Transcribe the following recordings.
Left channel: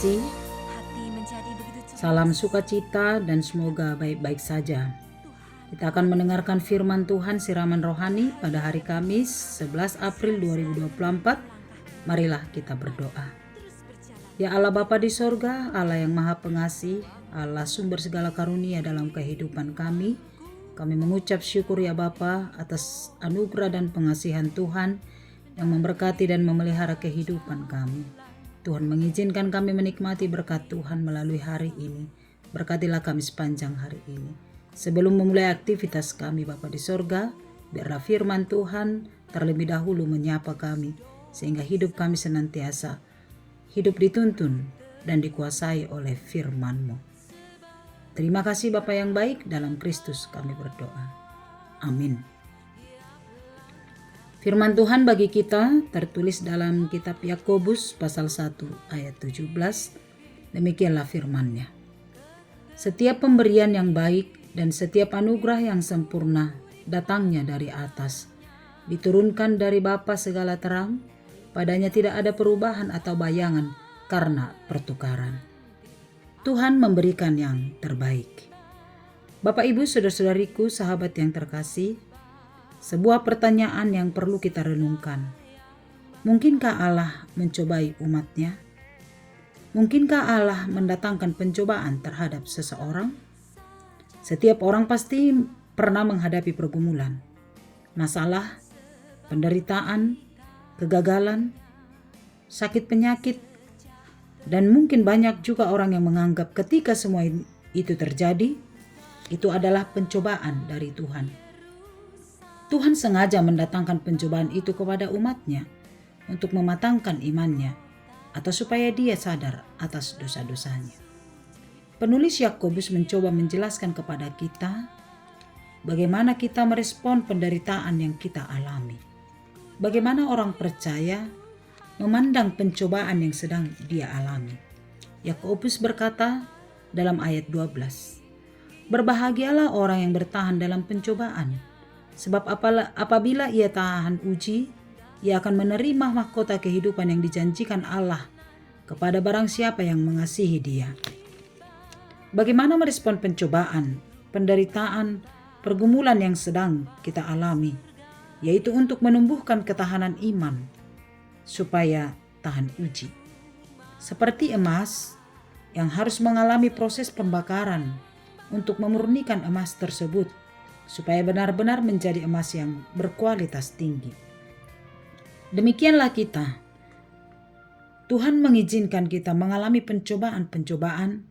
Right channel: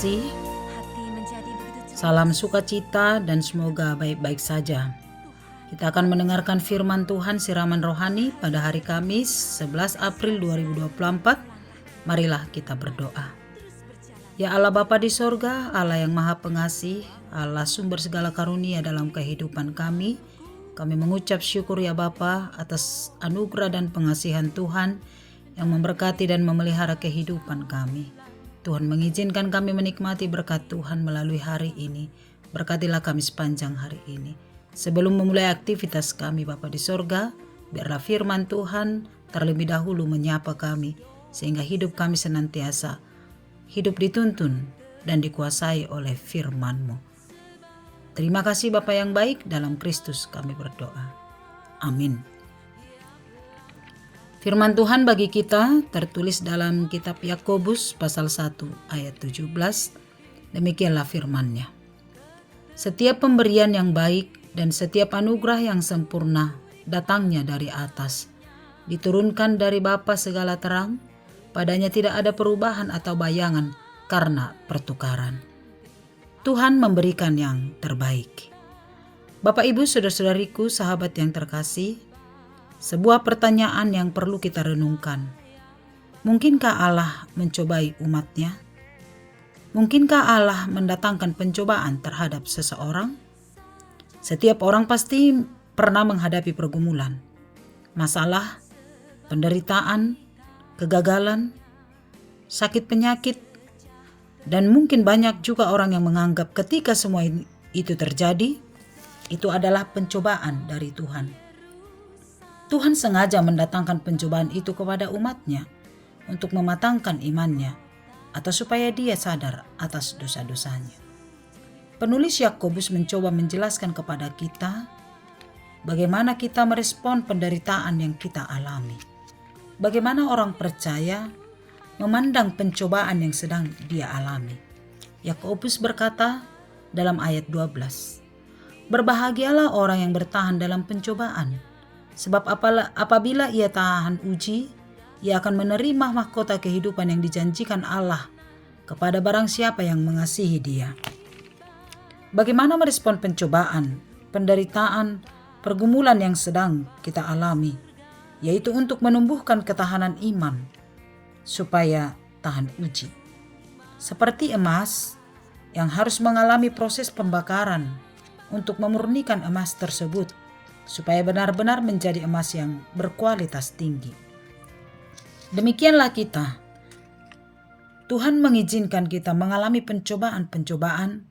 kasih, salam sukacita dan semoga baik-baik saja. Kita akan mendengarkan firman Tuhan siraman rohani pada hari Kamis 11 April 2024. Marilah kita berdoa. Ya Allah Bapa di sorga, Allah yang maha pengasih, Allah sumber segala karunia dalam kehidupan kami mengucap syukur ya Bapa atas anugerah dan pengasihan Tuhan yang memberkati dan memelihara kehidupan kami. Tuhan mengizinkan kami menikmati berkat Tuhan melalui hari ini. Berkatilah kami sepanjang hari ini. Sebelum memulai aktivitas kami Bapa di sorga, biarlah firman Tuhan terlebih dahulu menyapa kami, sehingga hidup kami senantiasa hidup dituntun dan dikuasai oleh firman-Mu. Terima kasih Bapa yang baik, dalam Kristus kami berdoa. Amin. Firman Tuhan bagi kita tertulis dalam kitab Yakobus pasal 1 ayat 17. Demikianlah firman-Nya. Setiap pemberian yang baik dan setiap anugerah yang sempurna datangnya dari atas, diturunkan dari Bapa segala terang, padanya tidak ada perubahan atau bayangan karena pertukaran. Tuhan memberikan yang terbaik. Bapak Ibu, saudara-saudariku, sahabat yang terkasih, sebuah pertanyaan yang perlu kita renungkan. Mungkinkah Allah mencobai umatnya? Mungkinkah Allah mendatangkan pencobaan terhadap seseorang? Setiap orang pasti pernah menghadapi pergumulan, masalah, penderitaan, kegagalan, sakit penyakit, dan mungkin banyak juga orang yang menganggap ketika semua itu terjadi, itu adalah pencobaan dari Tuhan. Tuhan sengaja mendatangkan pencobaan itu kepada umatnya untuk mematangkan imannya atau supaya dia sadar atas dosa-dosanya. Penulis Yakobus mencoba menjelaskan kepada kita bagaimana kita merespon penderitaan yang kita alami. Bagaimana orang percaya memandang pencobaan yang sedang dia alami. Yakobus berkata dalam ayat 12, "Berbahagialah orang yang bertahan dalam pencobaan, sebab apabila ia tahan uji, ia akan menerima mahkota kehidupan yang dijanjikan Allah kepada barang siapa yang mengasihi dia." Bagaimana merespon pencobaan, penderitaan, pergumulan yang sedang kita alami, yaitu untuk menumbuhkan ketahanan iman, supaya tahan uji. Seperti emas yang harus mengalami proses pembakaran untuk memurnikan emas tersebut, supaya benar-benar menjadi emas yang berkualitas tinggi. Demikianlah kita. Tuhan mengizinkan kita mengalami pencobaan-pencobaan,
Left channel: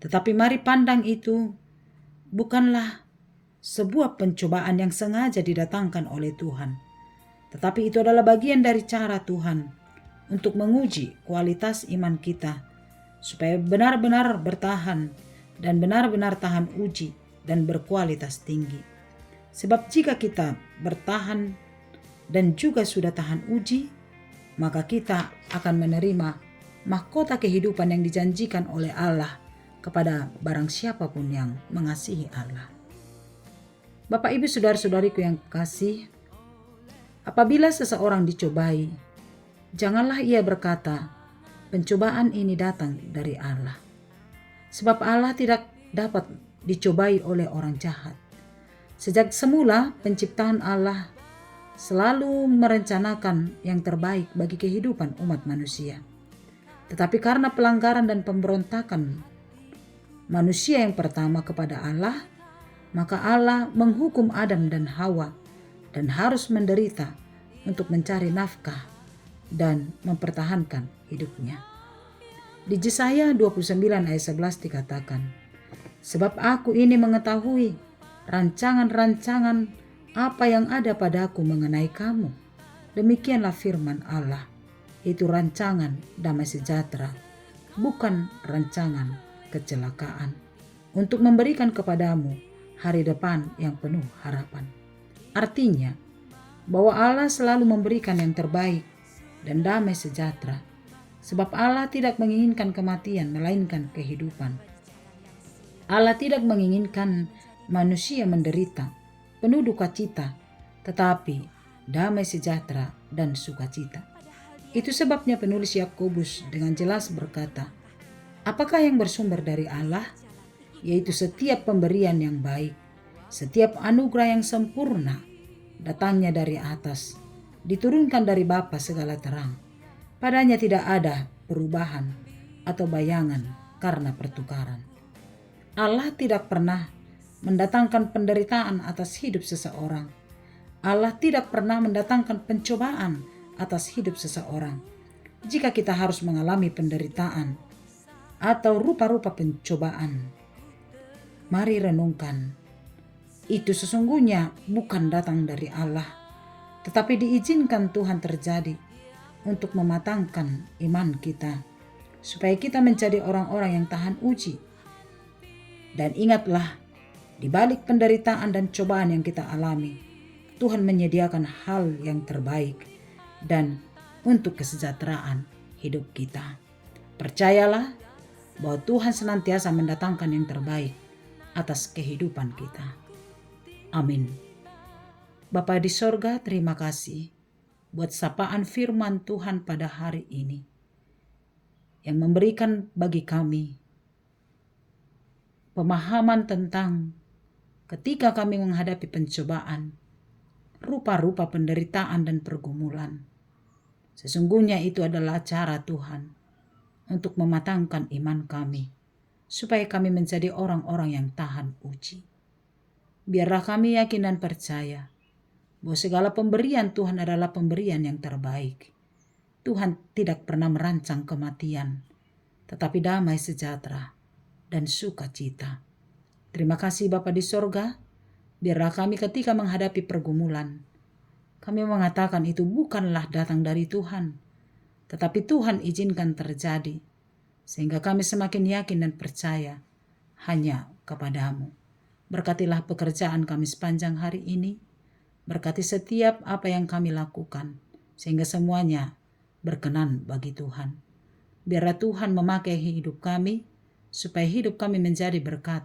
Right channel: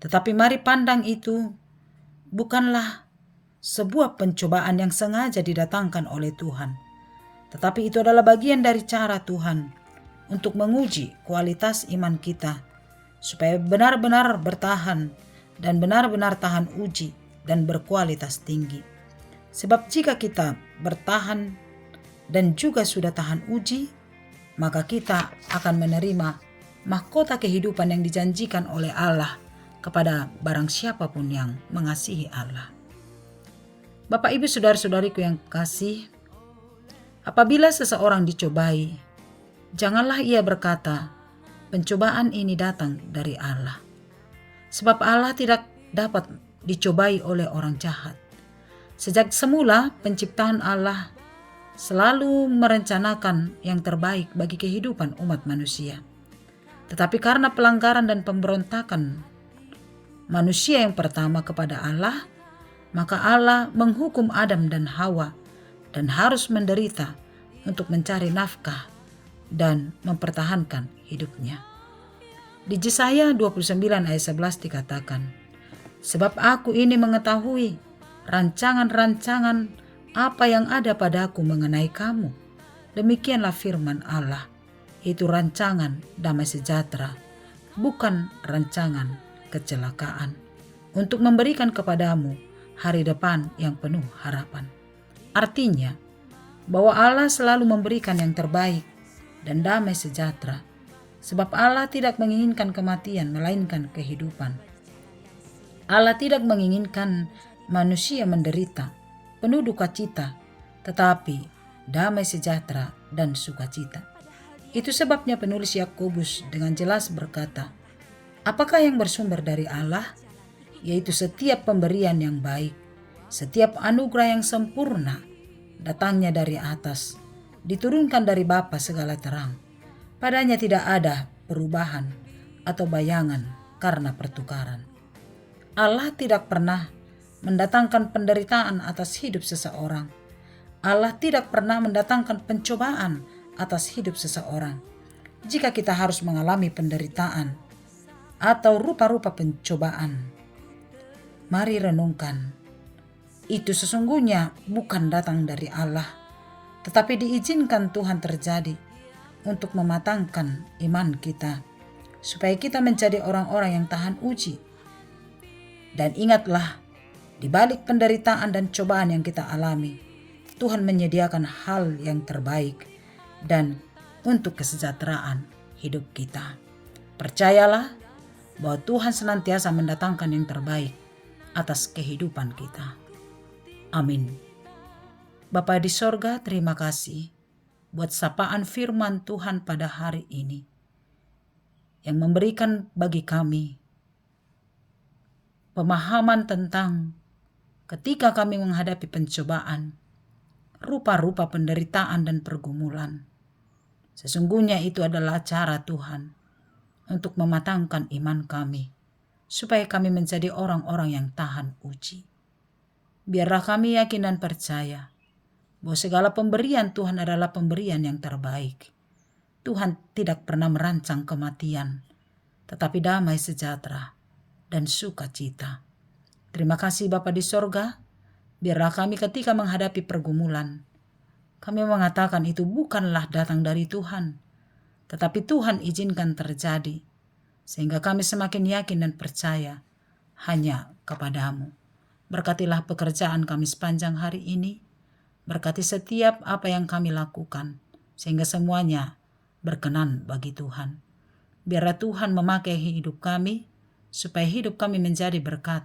tetapi mari pandang itu bukanlah sebuah pencobaan yang sengaja didatangkan oleh Tuhan, tetapi itu adalah bagian dari cara Tuhan untuk menguji kualitas iman kita, supaya benar-benar bertahan dan benar-benar tahan uji dan berkualitas tinggi. Sebab jika kita bertahan dan juga sudah tahan uji, maka kita akan menerima mahkota kehidupan yang dijanjikan oleh Allah kepada barang siapapun yang mengasihi Allah. Bapak Ibu saudara-saudariku yang kasih, apabila seseorang dicobai, janganlah ia berkata, "Pencobaan ini datang dari Allah." Sebab Allah tidak dapat dicobai oleh orang jahat. Sejak semula penciptaan Allah selalu merencanakan yang terbaik bagi kehidupan umat manusia. Tetapi karena pelanggaran dan pemberontakan manusia yang pertama kepada Allah, maka Allah menghukum Adam dan Hawa dan harus menderita untuk mencari nafkah dan mempertahankan hidupnya. Di Yesaya 29 ayat 11 dikatakan, "Sebab aku ini mengetahui rancangan-rancangan apa yang ada padaku mengenai kamu. Demikianlah firman Allah, itu rancangan damai sejahtera, bukan rancangan kecelakaan, untuk memberikan kepadamu hari depan yang penuh harapan." Artinya, bahwa Allah selalu memberikan yang terbaik dan damai sejahtera, sebab Allah tidak menginginkan kematian melainkan kehidupan. Allah tidak menginginkan manusia menderita, penuh duka cita, tetapi damai sejahtera dan sukacita. Itu sebabnya penulis Yakobus dengan jelas berkata, Apakah yang bersumber dari Allah? Yaitu setiap pemberian yang baik, setiap anugerah yang sempurna, datangnya dari atas, diturunkan dari Bapa segala terang. Padanya tidak ada perubahan atau bayangan karena pertukaran. Allah tidak pernah mendatangkan penderitaan atas hidup seseorang. Allah tidak pernah mendatangkan pencobaan atas hidup seseorang. Jika kita harus mengalami penderitaan atau rupa-rupa pencobaan, mari renungkan. Itu sesungguhnya bukan datang dari Allah, tetapi diizinkan Tuhan terjadi untuk mematangkan iman kita, supaya kita menjadi orang-orang yang tahan uji. Dan ingatlah, di balik penderitaan dan cobaan yang kita alami, Tuhan menyediakan hal yang terbaik dan untuk kesejahteraan hidup kita. Percayalah bahwa Tuhan senantiasa mendatangkan yang terbaik atas kehidupan kita. Amin. Bapa di sorga, terima kasih buat sapaan firman Tuhan pada hari ini yang memberikan bagi kami pemahaman tentang ketika kami menghadapi pencobaan, rupa-rupa penderitaan dan pergumulan. Sesungguhnya itu adalah cara Tuhan untuk mematangkan iman kami, supaya kami menjadi orang-orang yang tahan uji. Biarlah kami yakin dan percaya bahwa segala pemberian Tuhan adalah pemberian yang terbaik. Tuhan tidak pernah merancang kematian, tetapi damai sejahtera dan sukacita. Terima kasih Bapa di sorga, biarlah kami ketika menghadapi pergumulan, kami mengatakan itu bukanlah datang dari Tuhan, tetapi Tuhan izinkan terjadi, sehingga kami semakin yakin dan percaya hanya kepadamu. Berkatilah pekerjaan kami sepanjang hari ini, berkati setiap apa yang kami lakukan, sehingga semuanya berkenan bagi Tuhan. Biarlah Tuhan memakai hidup kami, supaya hidup kami menjadi berkat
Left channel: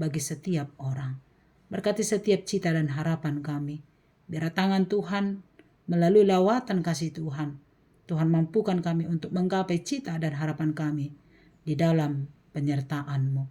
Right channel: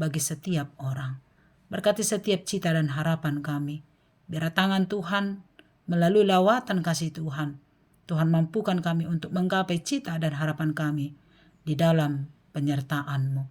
bagi setiap orang. Berkati setiap cita dan harapan kami. Biar tangan Tuhan melalui lawatan kasih Tuhan, Tuhan mampukan kami untuk menggapai cita dan harapan kami di dalam penyertaan-Mu.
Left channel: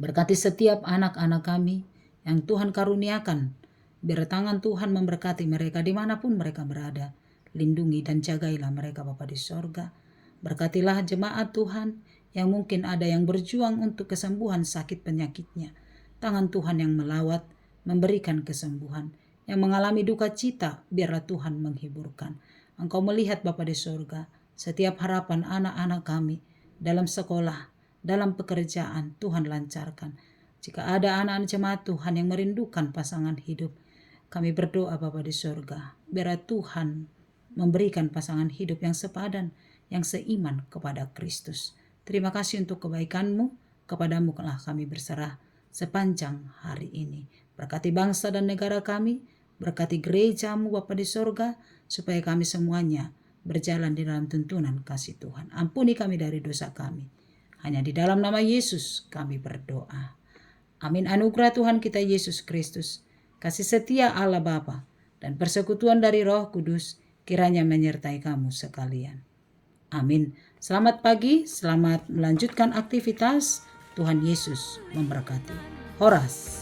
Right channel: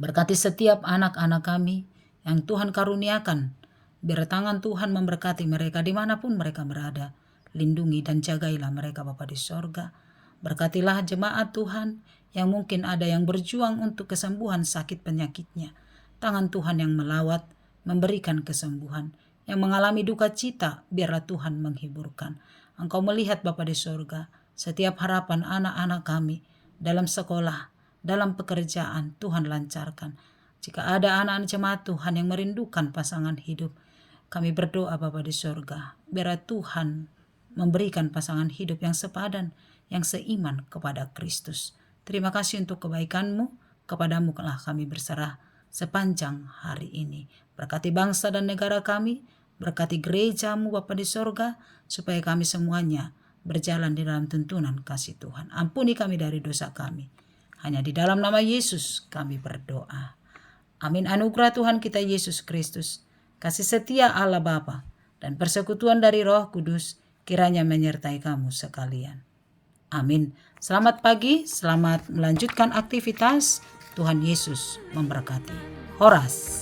Berkati setiap anak-anak kami yang Tuhan karuniakan. Biar tangan Tuhan memberkati mereka dimanapun mereka berada. Lindungi dan jagailah mereka Bapa di sorga. Berkatilah jemaat Tuhan yang mungkin ada yang berjuang untuk kesembuhan sakit penyakitnya. Tangan Tuhan yang melawat, memberikan kesembuhan. Yang mengalami duka cita, biarlah Tuhan menghiburkan. Engkau melihat Bapa di sorga, setiap harapan anak-anak kami dalam sekolah, dalam pekerjaan, Tuhan lancarkan. Jika ada anak-anak jemaat Tuhan yang merindukan pasangan hidup, kami berdoa Bapa di sorga, biarlah Tuhan memberikan pasangan hidup yang sepadan, yang seiman kepada Kristus. Terima kasih untuk kebaikan-Mu, kepadamu telah kami berserah sepanjang hari ini. Berkati bangsa dan negara kami, berkati gereja-Mu Bapa di sorga, supaya kami semuanya berjalan di dalam tuntunan kasih Tuhan. Ampuni kami dari dosa kami. Hanya di dalam nama Yesus kami berdoa. Amin. Anugerah Tuhan kita Yesus Kristus, kasih setia Allah Bapa, dan persekutuan dari Roh Kudus kiranya menyertai kamu sekalian. Amin. Selamat pagi, selamat melanjutkan aktivitas. Tuhan Yesus memberkati. Horas.